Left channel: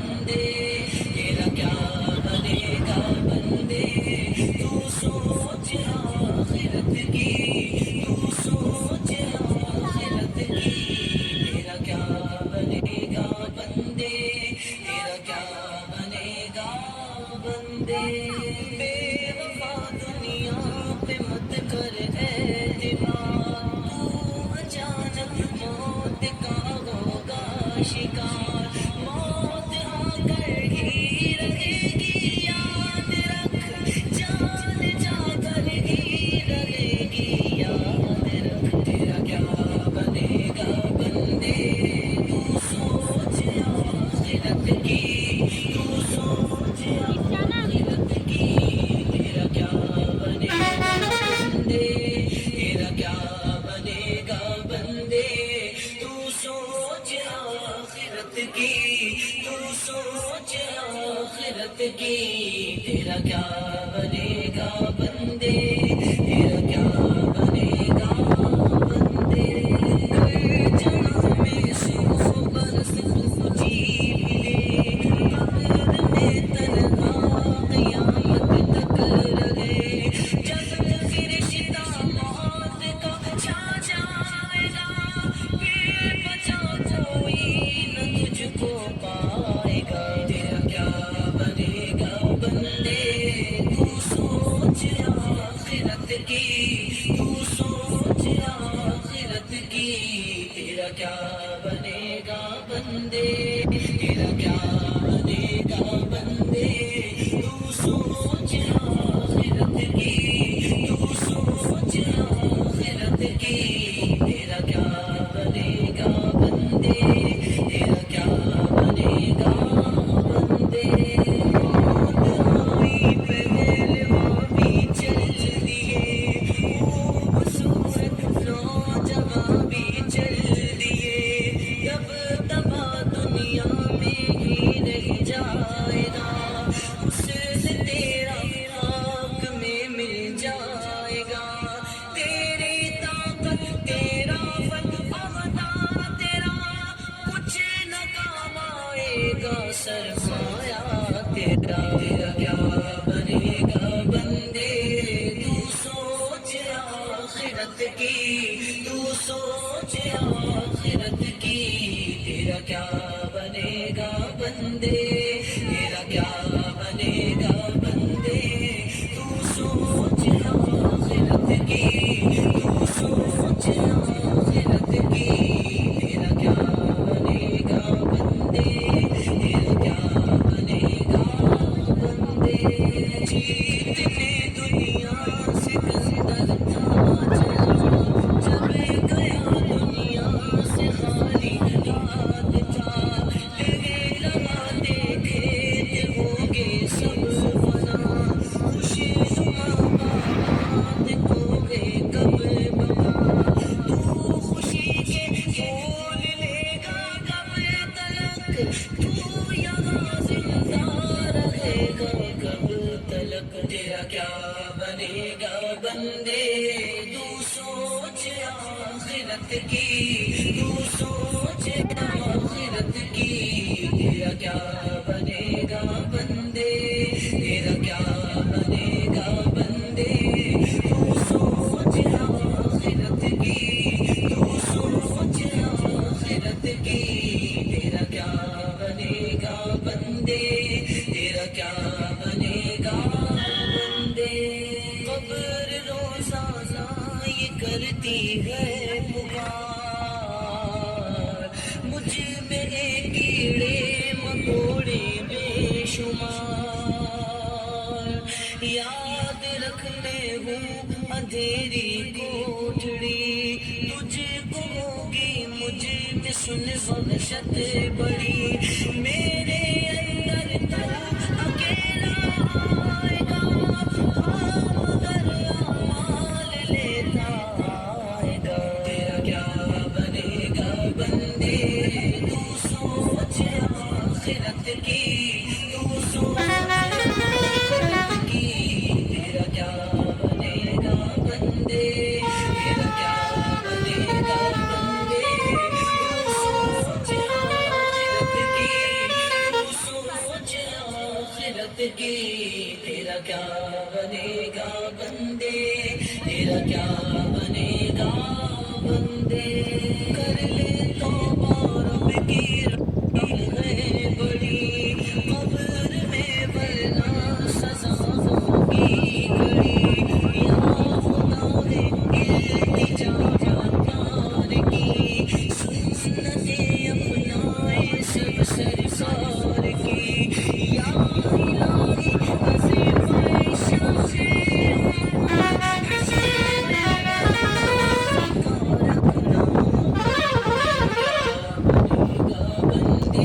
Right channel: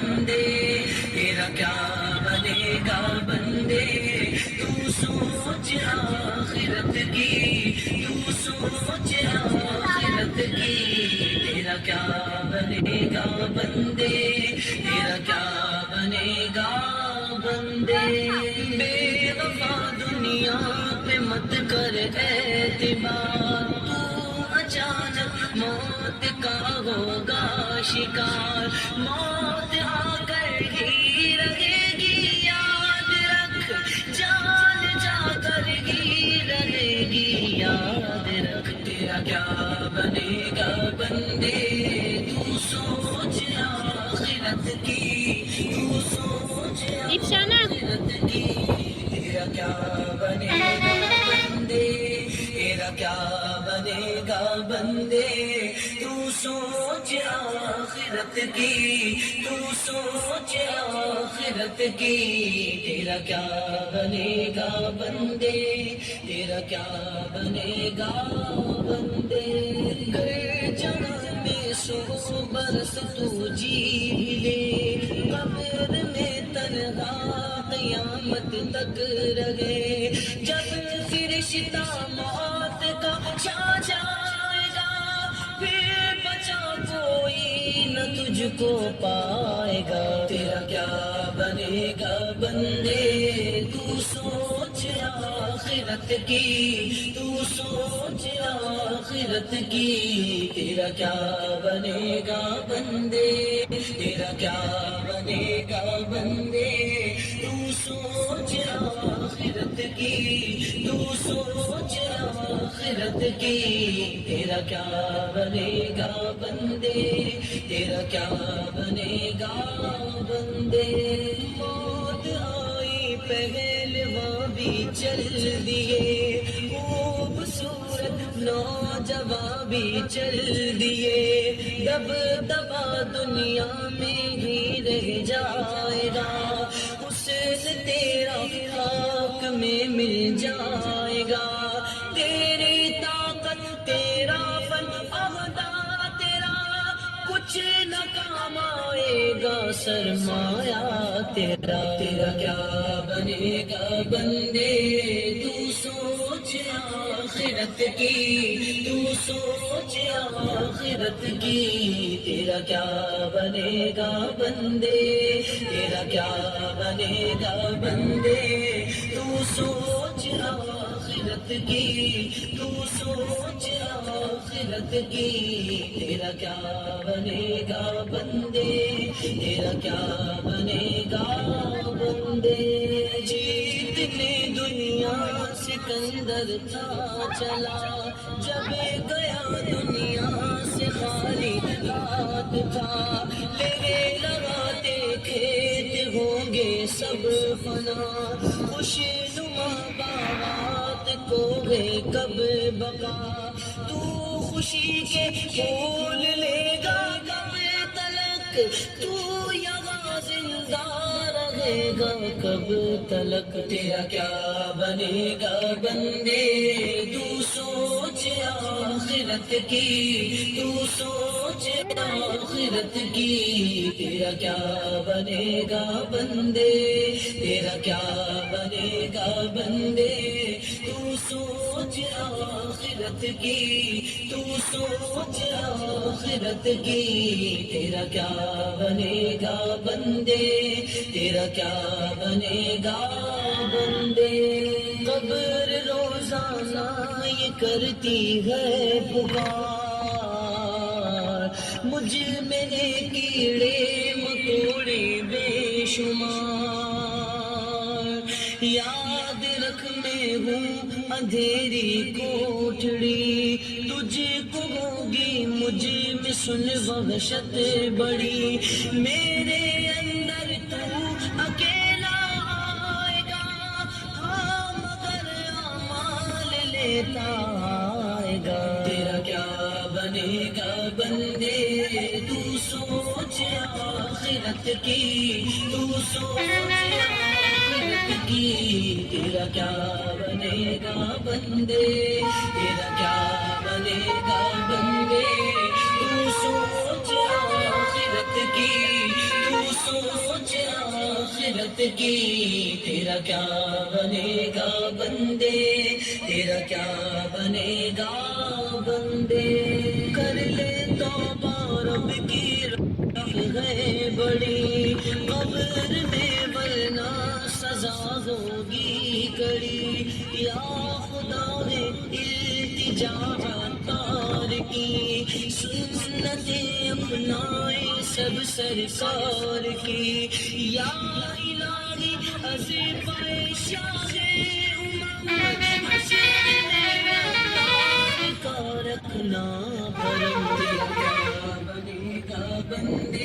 بندے تیرا کیا بنے گا بندے تو سوچ آخرت کی تو سوچ آخرت کی تیرا کیا بنے گا بندے تیرا کیا بنے گا بندے بے وفا دنیا پہ مت کر اعتبار تو اچانک موت کا ہوگا شکار موت آ کر ہی رہے گی یاد رکھ جان جا کر ہی رہے گی یاد رکھ تیرا کیا بنے گا بندے تو سوچ آخرت کی تو سوچ آخرت کی تیرا کیا بنے گا بندے تیرا کیا بنے گا بندے تو سوچ آخرت کی تو سوچ آخرت کی تیرا کیا بنے گا بندے تیرا کیا بنے گا بندے جہاں میں سو برس تو جی لے قبر میں تنہا قیامت تک رہے جب فرشتہ موت کا چھا جائے گا پھر بچا کوئی نہ تجھ کو پائے گا تیرا کیا بنے گا بندے تو سوچ آخرت کی تو سوچ آخرت کی تیرا کیا بنے گا بندے تیرا کیا بنے گا بندے تو سوچ آخرت کی تو سوچ آخرت کی تیرا کیا بنے گا بندے تیرا کیا بنے گا بندے موت آئی پہلواں بھی چل دیے خوبصورت نوجوان بھی چل دیے دب دبا دنیا میں ہی رہ جائے گا حسن تیرا خاک میں مل جائے گا تیری طاقت تیرا فن عہدہ تیرا کچھ نہ کام آئے گا سرمایہ تیرا تیرا کیا بنے گا بندے تو سوچ آخرت کی تو سوچ آخرت کی تیرا کیا بنے گا بندے تیرا کیا بنے گا بندے تو سوچ آخرت کی تو سوچ آخرت کی تیرا کیا بنے گا بندے تیرا کیا بنے گا بندے جیتنے دنیا سکندر تھا چلا جب گیا دنیا سے خالی ہاتھ تھا تیرے لگاتے کھیت ہوں گے سب بنا خوش نما بابات کو گے کب بنا تو خوشی کے پھول لے گا کب تلک تو یہاں زندہ رہے گا کب تلک تیرا کیا بنے گا بندے تو سوچ آخرت کی تو سوچ آخرت کی تیرا کیا بنے گا بندے تیرا کیا بنے گا بندے تو سوچ آخرت کی تو سوچ آخرت کی تیرا کیا بنے گا بندے تیرا کیا بنے گا بندے قبر روزانہ یہ کرتی ہے پکار مجھ میرے کیڑے مکوڑے بے شمار یاد رکھ میں ہوں اندھیری کوٹڑی تجھ کو ہوگی مجھ میں سن وحشت بڑی میرے اندر تو اکیلا آئے گا ہاں مگر اعمال لیتا آئے گا تیرا کیا بنے گا بندے تو سوچ آخرت کی تو سوچ آخرت کی تیرا کیا بنے گا بندے تیرا کیا بنے گا بندے تو سوچ آخرت کی تو کی تیرا کیا بنے گا بندے تیرا کیا بنے گا بندے کر لے توبہ رب کی رحمت ہے بڑی قبر میں ورنہ سزا ہوگی کڑی یا خدا ہے التجا تار کی سنتیں اپنائے سب سرکار کی یا الہی عظیم شاہ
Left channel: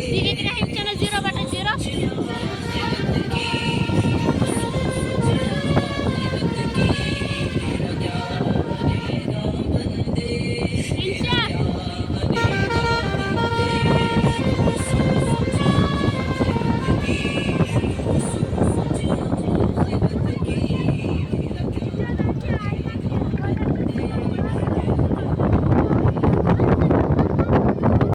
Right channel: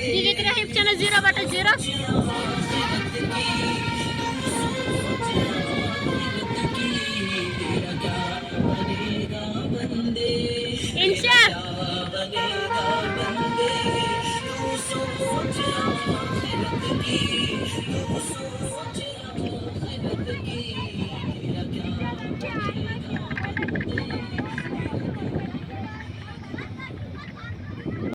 DJ kita hit channel 0/0.